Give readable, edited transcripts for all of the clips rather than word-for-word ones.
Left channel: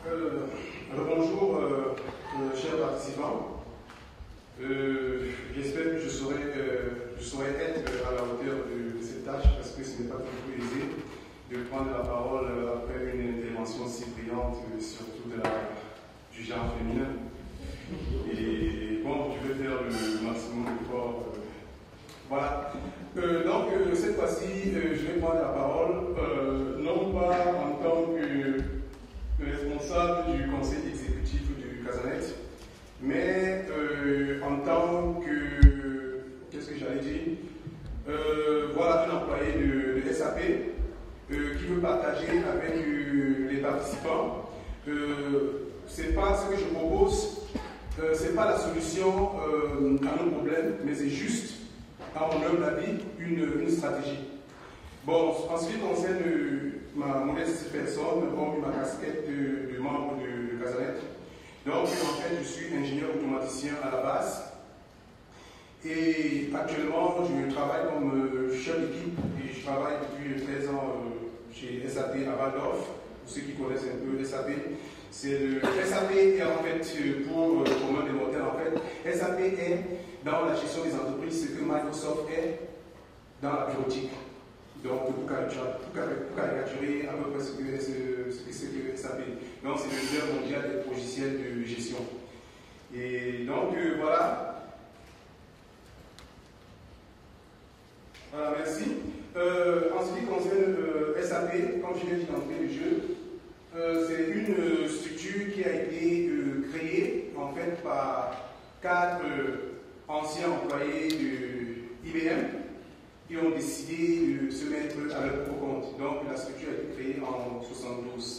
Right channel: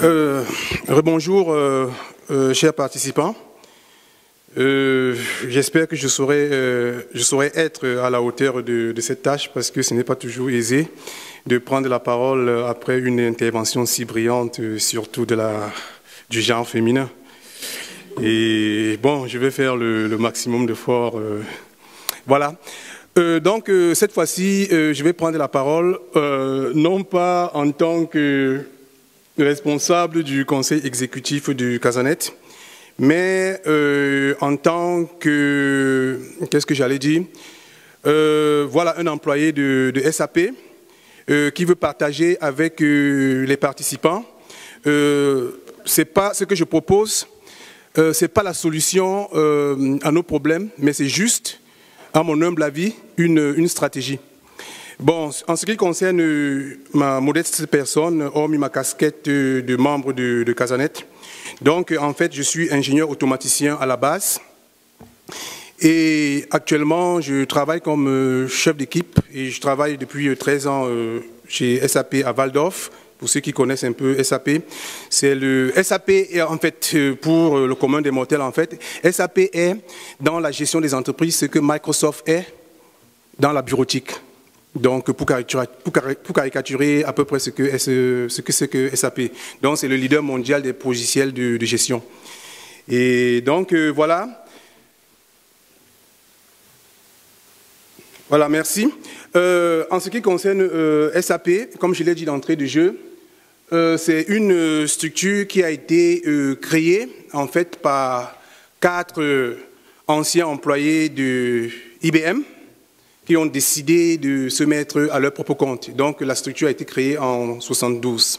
Rebonjour, chers participants. J'espère que je saurai être à la hauteur de cette tâche parce que ce n'est pas toujours aisé de prendre la parole après une intervention si brillante, surtout du genre féminin. Et bon, je vais faire le maximum d'efforts. Voilà. Donc, cette fois-ci, je vais prendre la parole, non pas en tant que responsable du conseil exécutif du Casanet, mais en tant que, qu'est-ce que j'allais dire, voilà un employé de SAP qui veut partager avec les participants. C'est pas ce que je propose, c'est pas la solution à nos problèmes, mais c'est juste, à mon humble avis, une stratégie. Bon, en ce qui concerne ma modeste personne, hormis ma casquette de membre de Casanet, donc en fait je suis ingénieur automaticien à la base et actuellement je travaille comme chef d'équipe et je travaille depuis 13 ans chez SAP à Val-d'Orf. Pour ceux qui connaissent un peu SAP, c'est le SAP en fait pour le commun des mortels en fait. SAP est dans la gestion des entreprises ce que Microsoft est dans la bureautique. Donc, pour caricaturer à peu près ce que c'est que SAP. Donc, c'est le leader mondial des logiciels de gestion. Et donc, voilà. Voilà, merci. En ce qui concerne SAP, comme je l'ai dit d'entrée de jeu, c'est une structure qui a été créée, en fait, par 4 anciens employés de IBM, qui ont décidé de se mettre à leur propre compte. Donc la structure a été créée en 1972.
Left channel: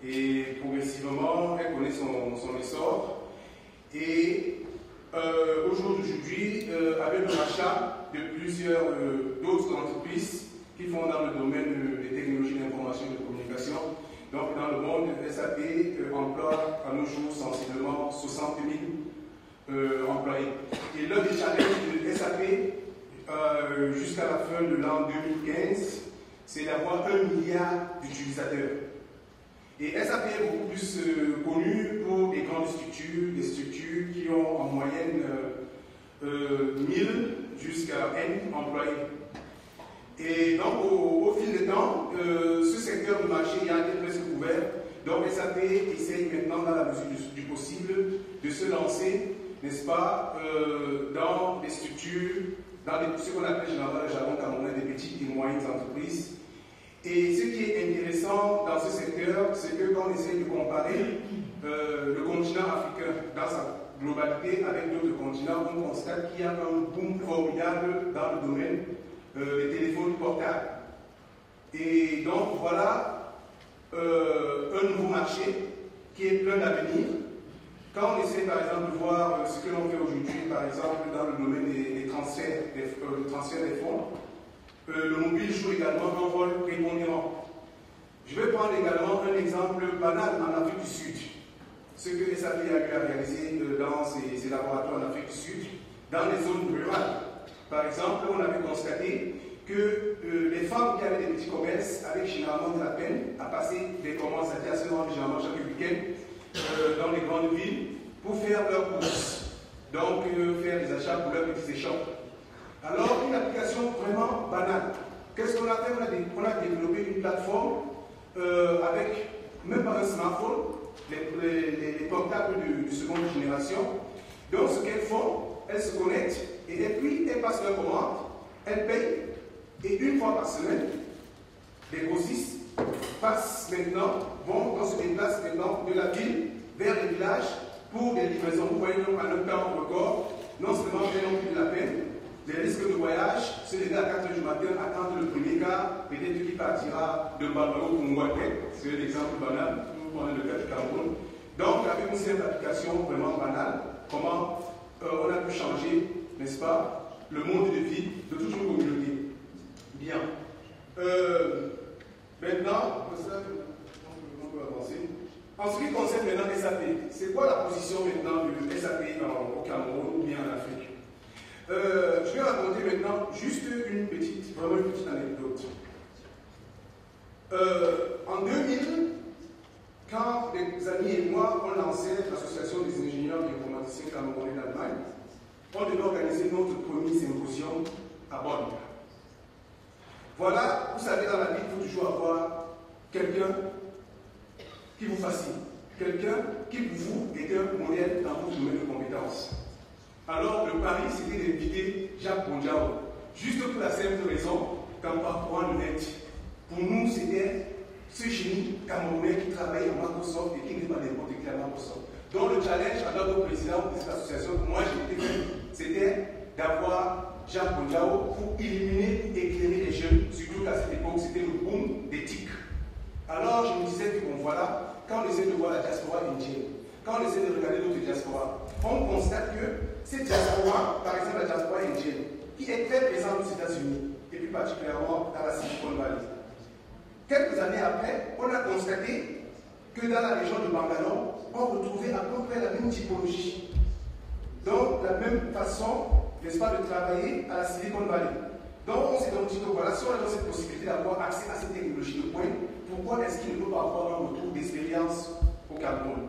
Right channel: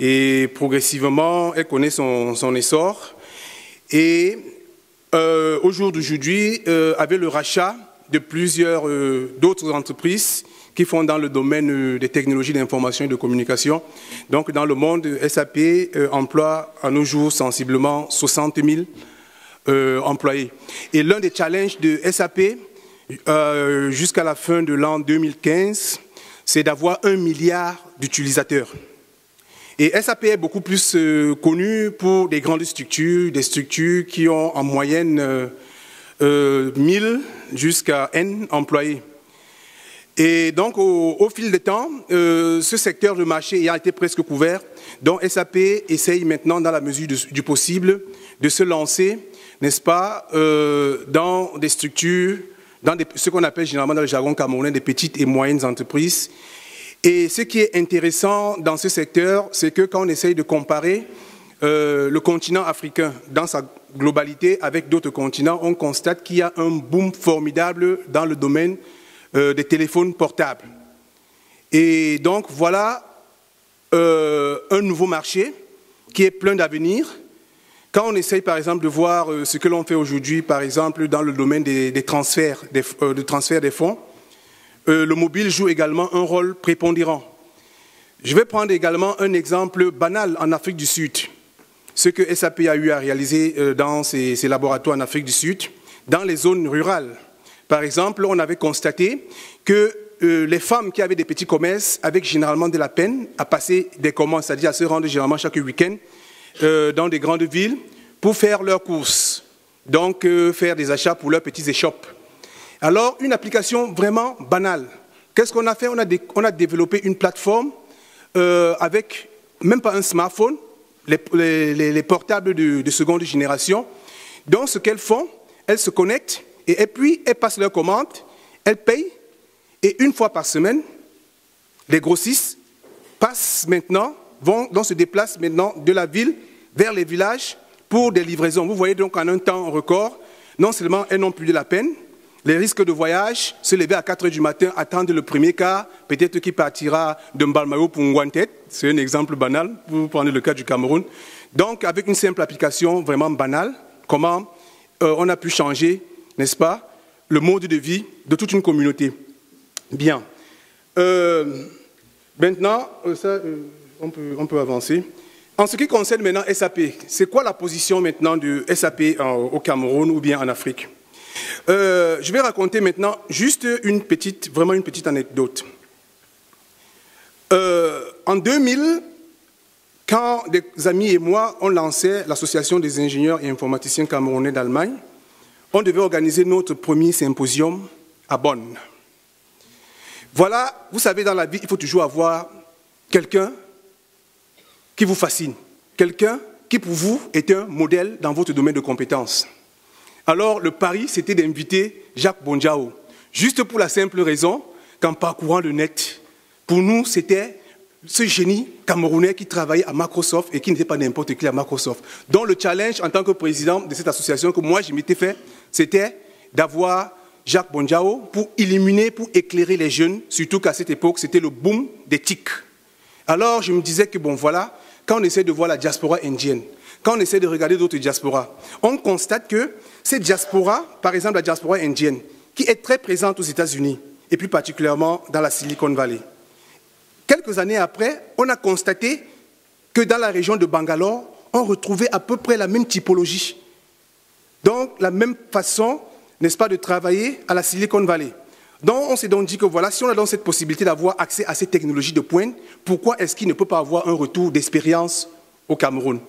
Et progressivement, elle connaît son essor. Et au jour d'aujourd'hui, avec le rachat de plusieurs d'autres entreprises qui font dans le domaine des technologies d'information et de communication, donc dans le monde, SAP emploie à nos jours sensiblement 60 000 employés. Et l'un des challenges de SAP, jusqu'à la fin de l'an 2015, c'est d'avoir 1 milliard d'utilisateurs. Et SAP est beaucoup plus connu pour des grandes structures, des structures qui ont en moyenne 1000 jusqu'à N employés. Et donc, au fil du temps, ce secteur de marché a été presque couvert. Donc, SAP essaye maintenant, dans la mesure du possible, de se lancer, n'est-ce pas, dans des structures, dans ce qu'on appelle généralement dans le jargon camerounais des petites et moyennes entreprises. Et ce qui est intéressant dans ce secteur, c'est que quand on essaye de comparer le continent africain dans sa globalité avec d'autres continents, on constate qu'il y a un boom formidable dans le domaine des téléphones portables. Et donc voilà un nouveau marché qui est plein d'avenir. Quand on essaye par exemple de voir ce que l'on fait aujourd'hui, par exemple dans le domaine des transferts, de transfert des fonds, le mobile joue également un rôle prépondérant. Je vais prendre également un exemple banal en Afrique du Sud. Ce que SAP a eu à réaliser dans ses laboratoires en Afrique du Sud, dans les zones rurales. Par exemple, on avait constaté que les femmes qui avaient des petits commerces avaient généralement de la peine à passer des commandes, c'est-à-dire à se rendre généralement chaque week-end dans des grandes villes pour faire leurs courses, donc faire des achats pour leurs petits échoppes. Alors, une application vraiment banale. Qu'est-ce qu'on a fait? On a développé une plateforme avec même pas un smartphone, les portables de seconde génération. Donc, ce qu'elles font, elles se connectent et puis elles passent leurs commandes, elles payent et une fois par semaine, les grossistes passent maintenant, se déplacent maintenant de la ville vers les villages pour des livraisons. Vous voyez donc en un temps record, non seulement elles n'ont plus de la peine, les risques de voyage, se lever à 4 h du matin, attendre le premier car, peut-être qu'il partira de Mbalmayo pour Ngwantet, c'est un exemple banal, vous prenez le cas du Cameroun. Donc avec une simple application vraiment banale, comment on a pu changer, n'est-ce pas, le mode de vie de toute une communauté. Bien. Maintenant, on peut avancer. En ce qui concerne maintenant SAP, c'est quoi la position maintenant de SAP au Cameroun ou bien en Afrique? Je vais raconter maintenant juste vraiment une petite anecdote. En 2000, quand des amis et moi, on lançait l'Association des ingénieurs et informaticiens camerounais d'Allemagne, on devait organiser notre premier symposium à Bonn. Voilà, vous savez, dans la vie, il faut toujours avoir quelqu'un qui vous fascine, quelqu'un qui pour vous est un modèle dans votre domaine de compétences. Alors le pari, c'était d'inviter Jacques Bonjao, juste pour la simple raison qu'en parcourant le net, pour nous, c'était ce génie camerounais qui travaillait à Microsoft et qui n'était pas n'importe qui à Microsoft. Donc le challenge en tant que président de cette association que moi je m'étais fait, c'était d'avoir Jacques Bonjao pour illuminer, pour éclairer les jeunes, surtout qu'à cette époque, c'était le boom des TIC. Alors je me disais que bon voilà, quand on essaie de voir la diaspora indienne, quand on essaie de regarder d'autres diasporas, on constate que cette diaspora, par exemple la diaspora indienne, qui est très présente aux États-Unis, et plus particulièrement dans la Silicon Valley. Quelques années après, on a constaté que dans la région de Bangalore, on retrouvait à peu près la même typologie. Donc, la même façon, n'est-ce pas, de travailler à la Silicon Valley. Donc, on s'est donc dit que voilà, si on a donc cette possibilité d'avoir accès à ces technologies de pointe, pourquoi est-ce qu'il ne peut pas avoir un retour d'expérience au Cameroun?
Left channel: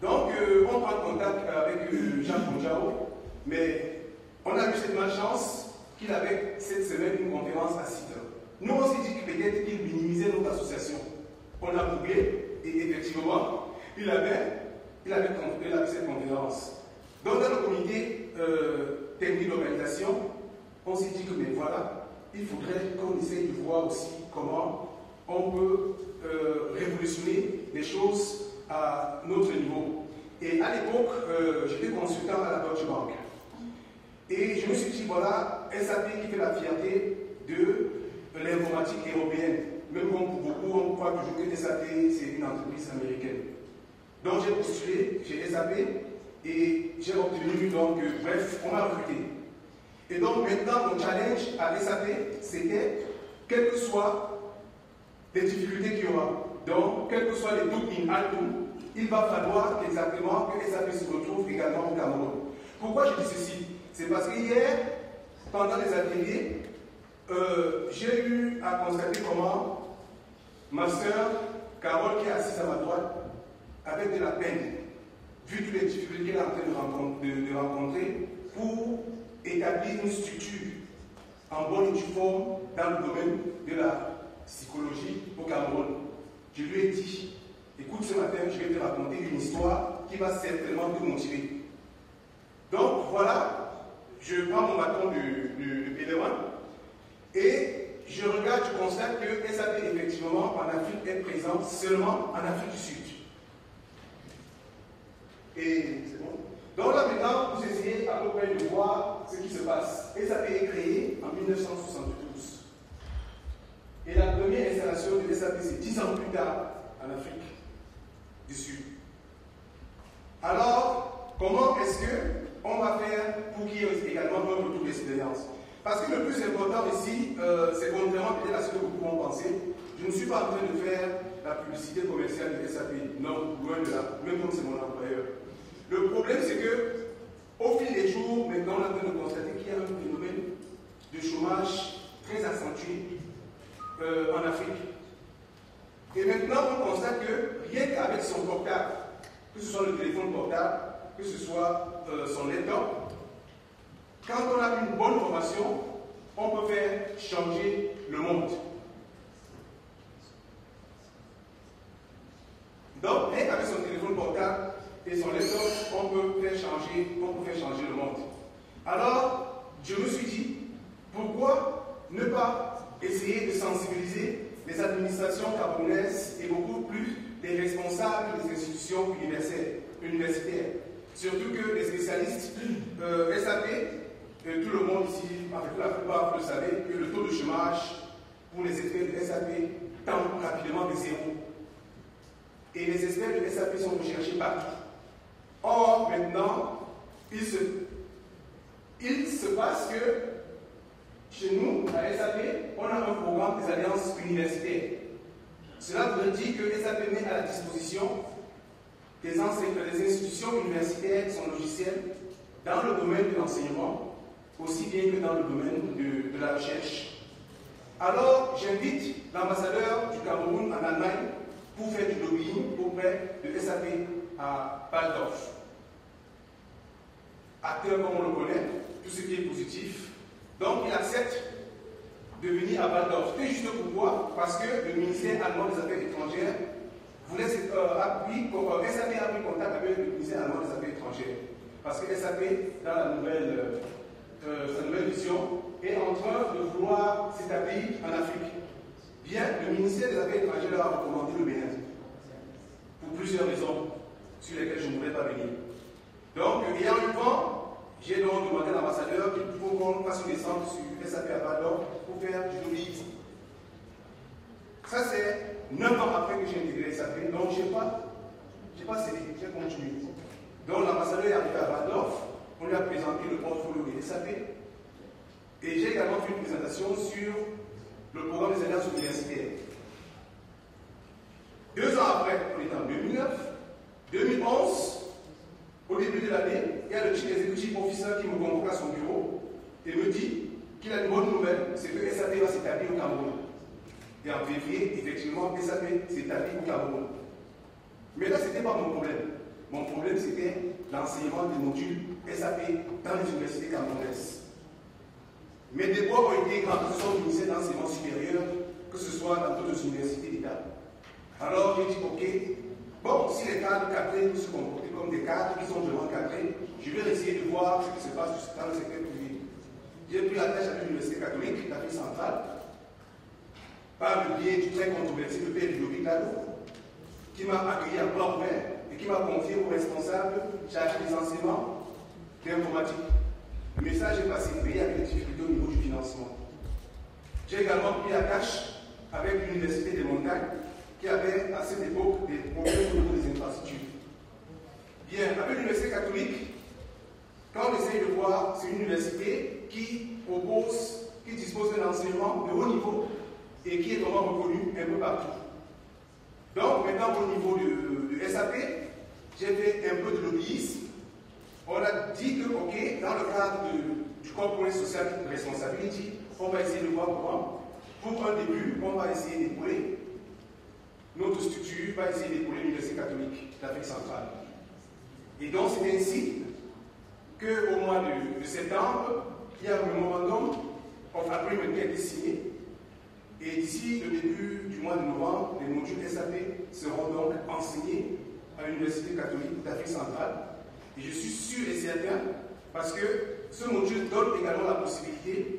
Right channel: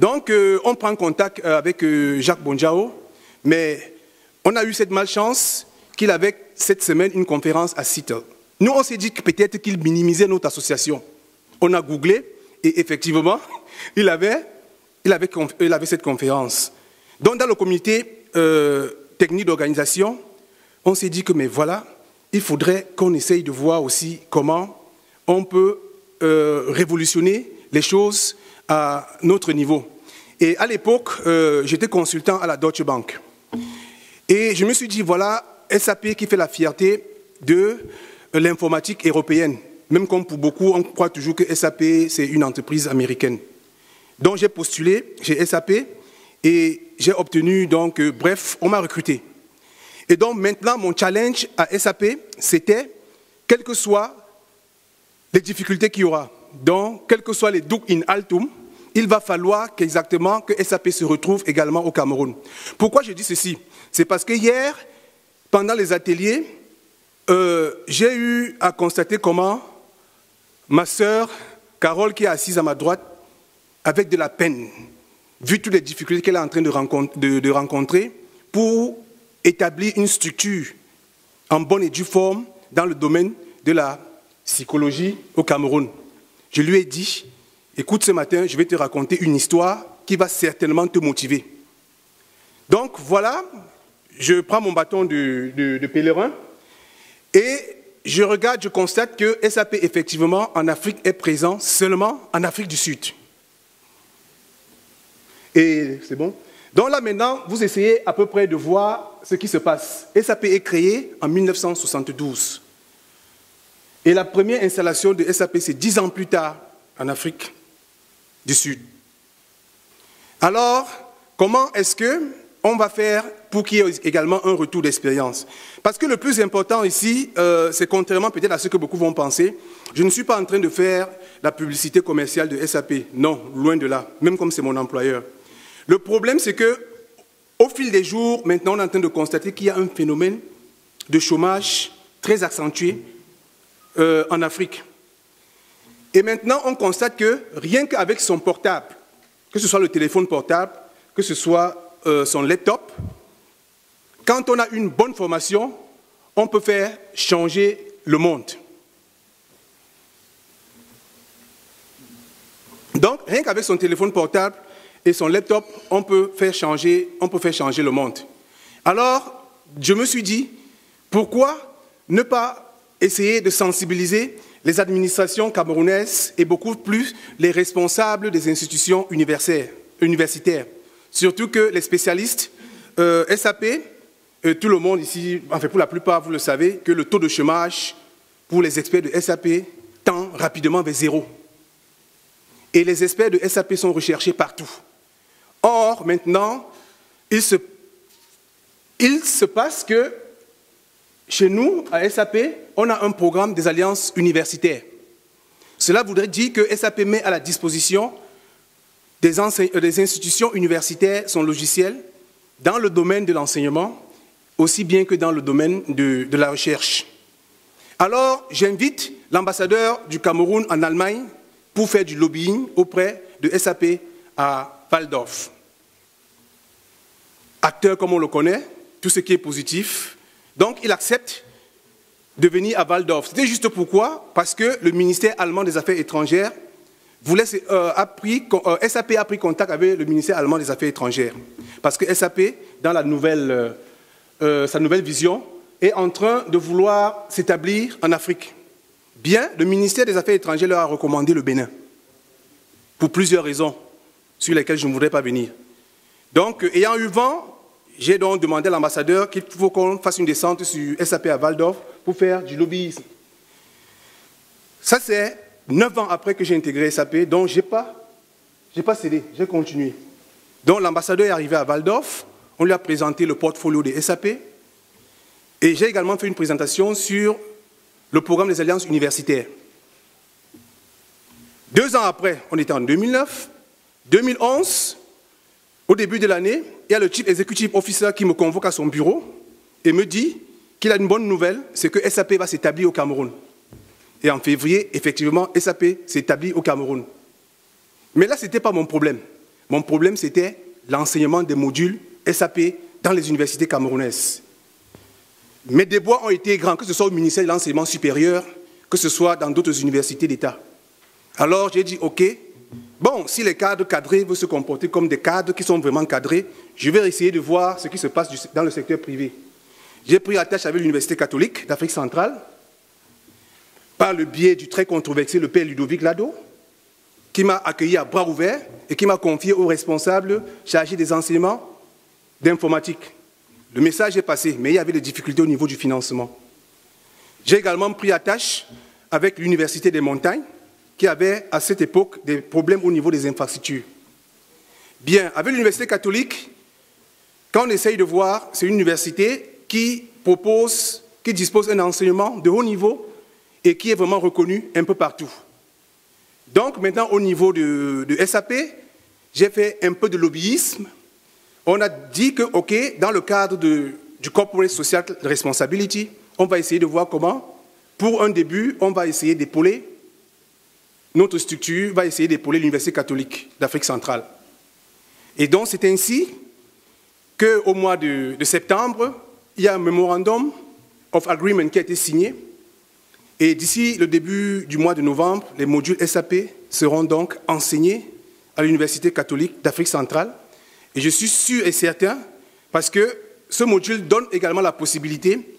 Donc, on prend contact avec Jacques Bonjao, mais on a eu cette malchance qu'il avait cette semaine une conférence à Seattle. Nous, on s'est dit que peut-être qu'il minimisait notre association. On a googlé et effectivement, il avait cette conférence. Donc, dans le comité technique d'organisation, on s'est dit que, mais voilà, il faudrait qu'on essaye de voir aussi comment on peut révolutionner les choses à notre niveau. Et à l'époque, j'étais consultant à la Deutsche Bank. Et je me suis dit, voilà, SAP qui fait la fierté de l'informatique européenne. Même comme pour beaucoup, on croit toujours que SAP, c'est une entreprise américaine. Donc j'ai postulé chez SAP et j'ai obtenu, donc, bref, on m'a recruté. Et donc maintenant, mon challenge à SAP, c'était, quelles que soient les difficultés qu'il y aura, donc, quels que soient les duc in altum, il va falloir qu'exactement que SAP se retrouve également au Cameroun. Pourquoi je dis ceci? C'est parce que hier, pendant les ateliers, j'ai eu à constater comment ma sœur, Carole, qui est assise à ma droite, avec de la peine, vu toutes les difficultés qu'elle est en train de rencontrer, pour établir une structure en bonne et due forme dans le domaine de la psychologie au Cameroun. Je lui ai dit, écoute, ce matin, je vais te raconter une histoire qui va certainement te motiver. Donc voilà, je prends mon bâton de pèlerin et je regarde, je constate que SAP, effectivement, en Afrique, est présent seulement en Afrique du Sud. Et c'est bon? Donc là, maintenant, vous essayez à peu près de voir ce qui se passe. SAP est créé en 1972. Et la première installation de SAP, c'est 10 ans plus tard, en Afrique du Sud. Alors, comment est-ce qu'on va faire pour qu'il y ait également un retour d'expérience? Parce que le plus important ici, c'est contrairement peut-être à ce que beaucoup vont penser, je ne suis pas en train de faire la publicité commerciale de SAP. Non, loin de là, même comme c'est mon employeur. Le problème, c'est qu'au fil des jours, maintenant, on est en train de constater qu'il y a un phénomène de chômage très accentué en Afrique. Et maintenant, on constate que rien qu'avec son portable, que ce soit le téléphone portable, que ce soit son laptop, quand on a une bonne formation, on peut faire changer le monde. Donc, rien qu'avec son téléphone portable et son laptop, on peut faire changer le monde. Alors, je me suis dit, pourquoi ne pas essayer de sensibiliser les administrations camerounaises et beaucoup plus les responsables des institutions universitaires. Surtout que les spécialistes SAP, tout le monde ici, enfin pour la plupart, vous le savez, que le taux de chômage pour les experts de SAP tend rapidement vers zéro. Et les experts de SAP sont recherchés partout. Or, maintenant, il se passe que chez nous, à SAP, on a un programme des alliances universitaires. Cela voudrait dire que SAP met à la disposition des institutions universitaires son logiciel dans le domaine de l'enseignement, aussi bien que dans le domaine de la recherche. Alors, j'invite l'ambassadeur du Cameroun en Allemagne, pour faire du lobbying auprès de SAP à Waldorf. Acteur comme on le connaît, tout ce qui est positif. Donc il accepte de venir à Waldorf. C'était juste pourquoi? Parce que le ministère allemand des Affaires étrangères SAP a pris contact avec le ministère allemand des Affaires étrangères. Parce que SAP, dans sa nouvelle vision, est en train de vouloir s'établir en Afrique. Bien, le ministère des Affaires étrangères leur a recommandé le Bénin, pour plusieurs raisons, sur lesquelles je ne voudrais pas venir. Donc, ayant eu vent, j'ai donc demandé à l'ambassadeur qu'il faut qu'on fasse une descente sur SAP à Waldorf pour faire du lobbyisme. Ça, c'est 9 ans après que j'ai intégré SAP, donc je n'ai pas cédé, j'ai continué. Donc l'ambassadeur est arrivé à Waldorf, on lui a présenté le portfolio de SAP, et j'ai également fait une présentation sur le programme des alliances universitaires. 2 ans après, on était en 2009, 2011, au début de l'année, il y a le Chief Executive Officer qui me convoque à son bureau et me dit qu'il a une bonne nouvelle, c'est que SAP va s'établir au Cameroun. Et en février, effectivement, SAP s'établit au Cameroun. Mais là, ce n'était pas mon problème. Mon problème, c'était l'enseignement des modules SAP dans les universités camerounaises. Mes déboires ont été grands, que ce soit au ministère de l'Enseignement supérieur, que ce soit dans d'autres universités d'État. Alors, j'ai dit, OK, bon, si les cadres cadrés veulent se comporter comme des cadres qui sont vraiment cadrés, je vais essayer de voir ce qui se passe dans le secteur privé. J'ai pris attache avec l'Université catholique d'Afrique centrale, par le biais du très controversé le père Ludovic Lado, qui m'a accueilli à bras ouverts et qui m'a confié au responsable chargé des enseignements d'informatique. Le message est passé, mais il y avait des difficultés au niveau du financement. J'ai également pris attache avec l'Université des Montagnes, qui avait à cette époque des problèmes au niveau des infrastructures. Bien, avec l'Université catholique, quand on essaye de voir, c'est une université qui dispose d'un enseignement de haut niveau et qui est vraiment reconnu un peu partout. Donc maintenant, au niveau de SAP, j'ai fait un peu de lobbyisme. On a dit que, OK, dans le cadre du Corporate Social Responsibility, on va essayer de voir comment, pour un début, on va essayer d'épauler, notre structure va essayer d'épauler l'Université catholique d'Afrique centrale. Et donc c'est ainsi qu'au mois de septembre, il y a un Memorandum of Agreement qui a été signé. Et d'ici le début du mois de novembre, les modules SAP seront donc enseignés à l'Université catholique d'Afrique centrale. Et je suis sûr et certain, parce que ce module donne également la possibilité,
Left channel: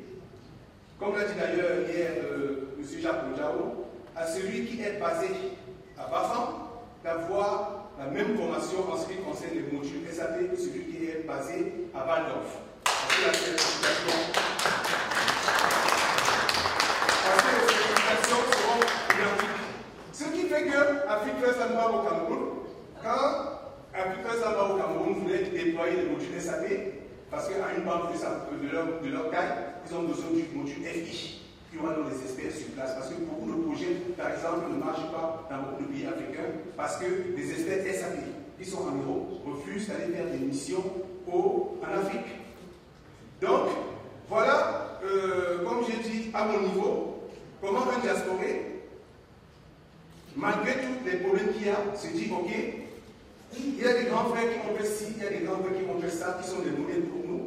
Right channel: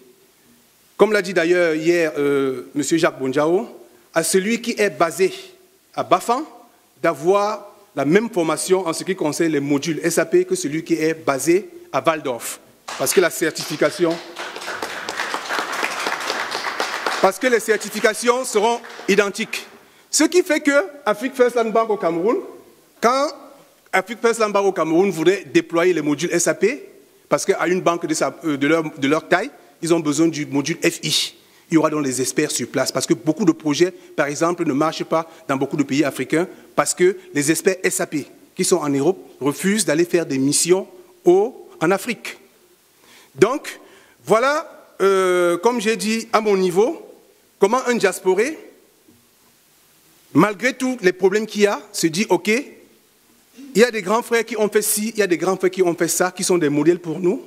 comme l'a dit d'ailleurs hier M. Jacques Bonjao, à celui qui est basé à Bafan, d'avoir la même formation en ce qui concerne les modules SAP que celui qui est basé à Waldorf. Parce que les certifications seront identiques. Ce qui fait que Afrique First Land Bank au Cameroun, quand Afrique First Land Bank au Cameroun voudrait déployer les modules SAP, parce qu'à une banque de leur taille, ils ont besoin du module FI. Il y aura donc des experts sur place, parce que beaucoup de projets, par exemple, ne marchent pas dans beaucoup de pays africains, parce que les experts SAP qui sont en Europe refusent d'aller faire des missions en Afrique. Donc, voilà, comme j'ai dit, à mon niveau, comment un diasporé, malgré tous les problèmes qu'il y a, se dit, OK, il y a des grands frères qui ont fait ci, il y a des grands frères qui ont fait ça, qui sont des modèles pour nous,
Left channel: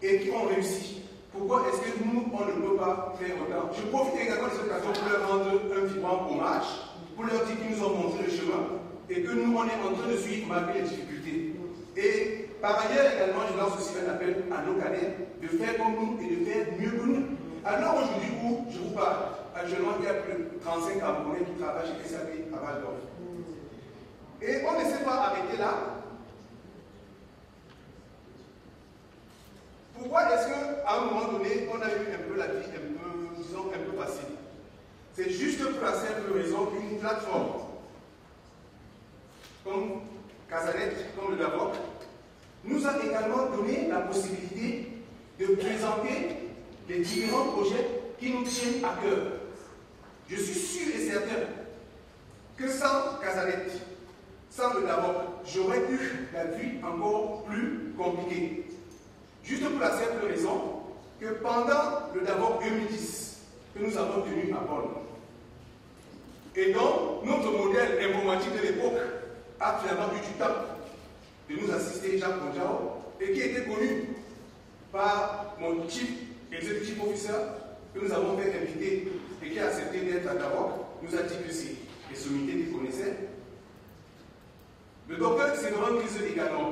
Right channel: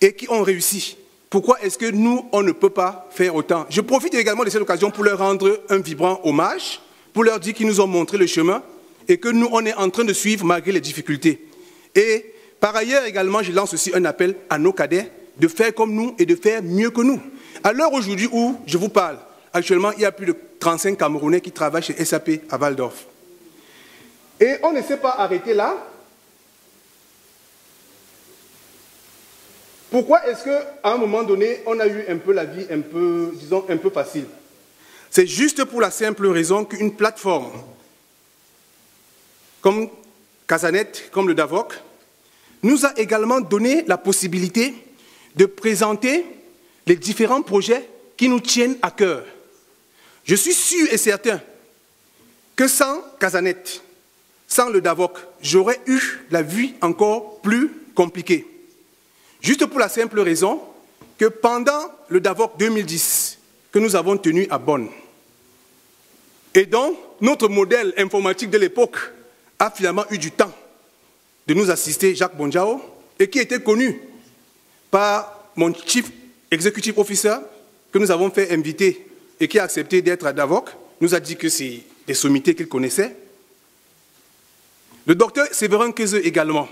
et qui ont réussi. Pourquoi est-ce que nous, on ne peut pas faire autant? Je profite également de cette occasion pour leur rendre un vibrant hommage, pour leur dire qu'ils nous ont montré le chemin, et que nous, on est en train de suivre malgré les difficultés. Et par ailleurs, également, je lance aussi un appel à nos cadets de faire comme nous et de faire mieux que nous. À l'heure aujourd'hui où je vous parle, actuellement, il y a plus de 35 Camerounais qui travaillent chez SAP à Waldorf. Et on ne s'est pas arrêté là. Pourquoi est-ce qu'à un moment donné, on a eu un peu la vie disons, un peu facile? C'est juste pour la simple raison qu'une plateforme comme Casanet, comme le DAVOC, nous a également donné la possibilité de présenter les différents projets qui nous tiennent à cœur. Je suis sûr et certain que sans Casanet, sans le DAVOC, j'aurais eu la vie encore plus compliquée. Juste pour la simple raison que pendant le DAVOC 2010 que nous avons tenu à Bonn, et donc notre modèle informatique de l'époque a finalement eu du temps de nous assister, Jacques Bonjao, et qui était connu par mon chief executive officer, que nous avons fait inviter et qui a accepté d'être à Davok, nous a dit que c'est des sommités qu'il connaissait. Le docteur Séverin Kézeux également.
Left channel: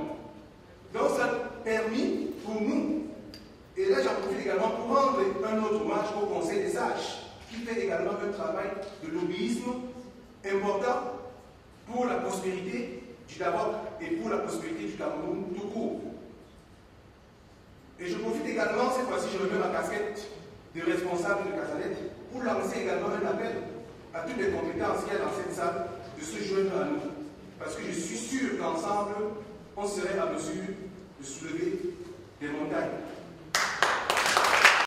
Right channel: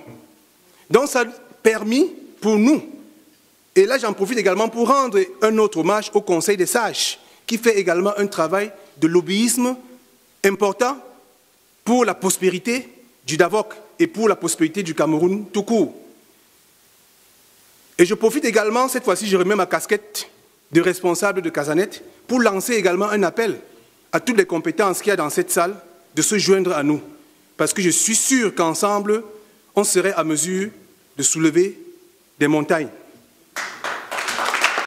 Donc ça a permis pour nous, et là j'en profite également pour rendre un autre hommage au Conseil des sages, qui fait également un travail de lobbyisme important pour la prospérité du Davok et pour la prospérité du Cameroun tout court. Et je profite également, cette fois-ci je remets ma casquette de responsable de Casanet, pour lancer également un appel à toutes les compétences qu'il y a dans cette salle de se joindre à nous. Parce que je suis sûr qu'ensemble, on serait à mesure de soulever des montagnes.